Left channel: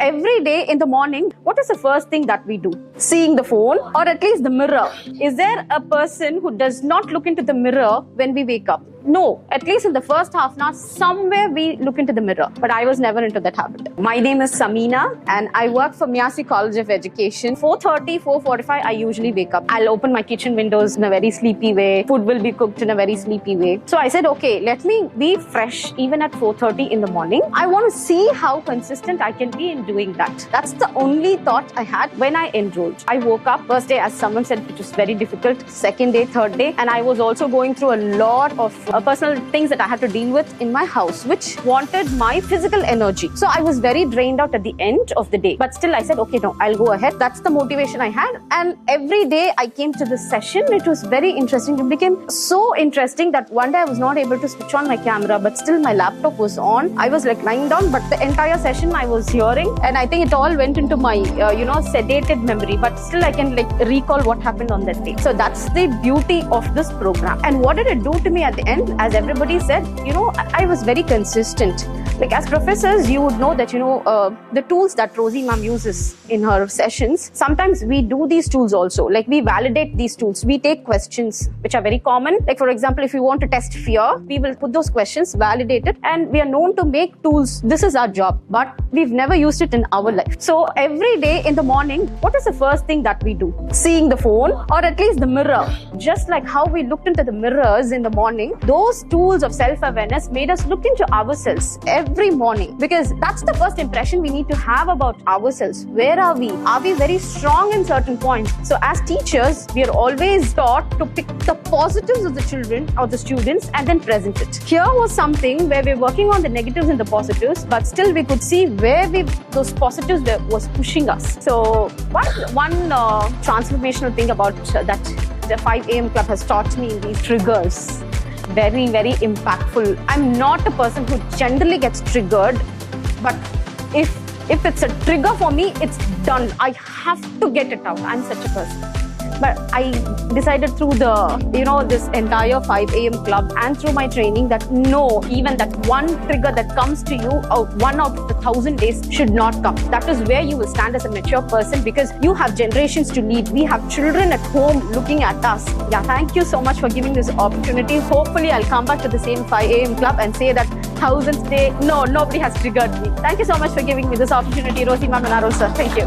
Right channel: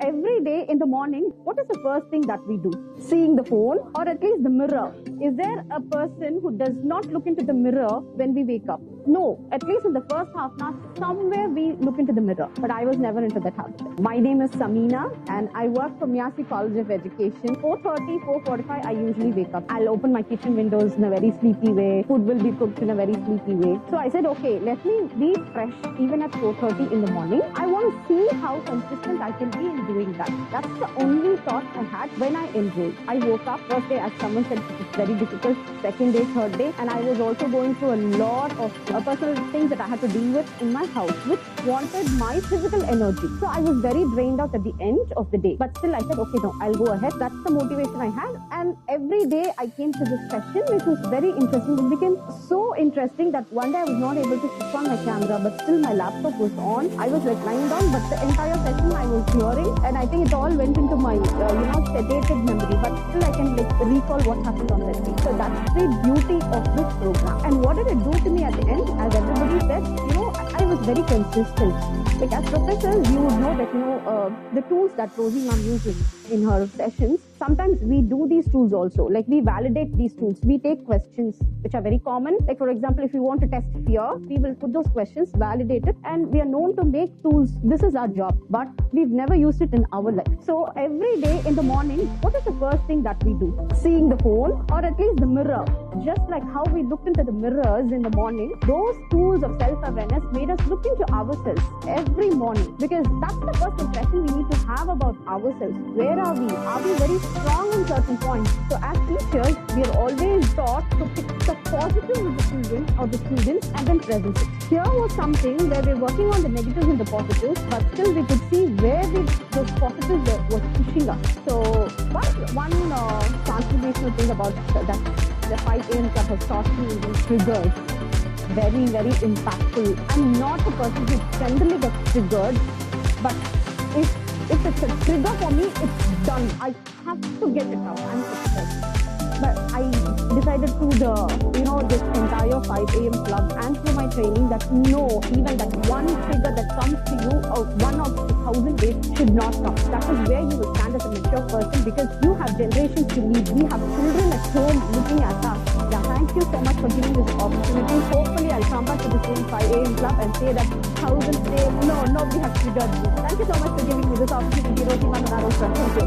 every day in the morning, what is the first thing that we do? Seeing the phone or at least the mirror. Is there a person who does not look into the mirror when we wake up? No, at least in the first half an hour, somewhere we look into the mirror. But I was never into that habit. My name is Samina and I work for Miyasi College of Education. 4:30, 4:45, I usually wake up. I'll open my kitchen windows in a very sleepy way. Food will be cooked in a very sleepy way. So I said, okay, let me be fresh even at 4:30 in the morning. I want to see how consistent I can be in doing that. That's the only thought I had when I enrolled. I woke up first day, as someone said, it was very difficult. Second day, third day, and I was also going through a lot of personal things that I had to deal with in my house, which wanted my physical energy. So I was very drained out at the end of the day. But still I said, okay, no, I'll go ahead. That's the motivation I had. And every day I came to this session. It was very interesting. It became so interesting that one day I was not able to switch on my camera, but still my laptop was on. I was like lying down, but the entire session I was hearing. And I think it all went into my, sedated memory. But still I can recall what happened on that day. So that's the beauty of this program. And what did it do to me at the end? As everybody said, I was very consistent. Like as professors, you would know that, the tools that Rosie ma'am uses in her sessions, sometimes we do these tools also. Like we validate these tools. We take questions which are very common. Like for example, if you want to test fear, we will put those questions, validate it, and we are known to make tools. This is our job, but we've never used it in our life. So every day in the morning, what is the first thing that we do? Seeing the phone or at least the mirror. Just like how we looked into the mirrors in the morning, those tools of self-awareness made us look into ourselves every morning, because that's the first impression we need to have about ourselves. Where are we? Are we very strong in certain points? So as teachers, we are always taught to pick the positives of the children or the students and then present it. Here was something where we're working on the negatives and the positives, but still we could see where those positives was pushing us. So one transformational thing about that the 5 AM Club has taught me these triggers. Very, very impactful. I'm not a person who generally gets triggered, but if it's a trigger for me, it's done. I have to get it out. I'm such a person. But I decided through this entire 5 AM Club and through my training that no, even that one trigger that comes to you, 1 out of 1,000 days should not come. That is where you will stand as a mature person, because you have generations to lead. We have children at home looking at us. Yeah, thank you so much for giving this opportunity. Hopefully, I'll come back to the same 5 AM Club and say that 1,000th day, no, nobody has triggered me. Thank you so much for giving me this opportunity, Rosie ma'am and Aro sir. Thank you.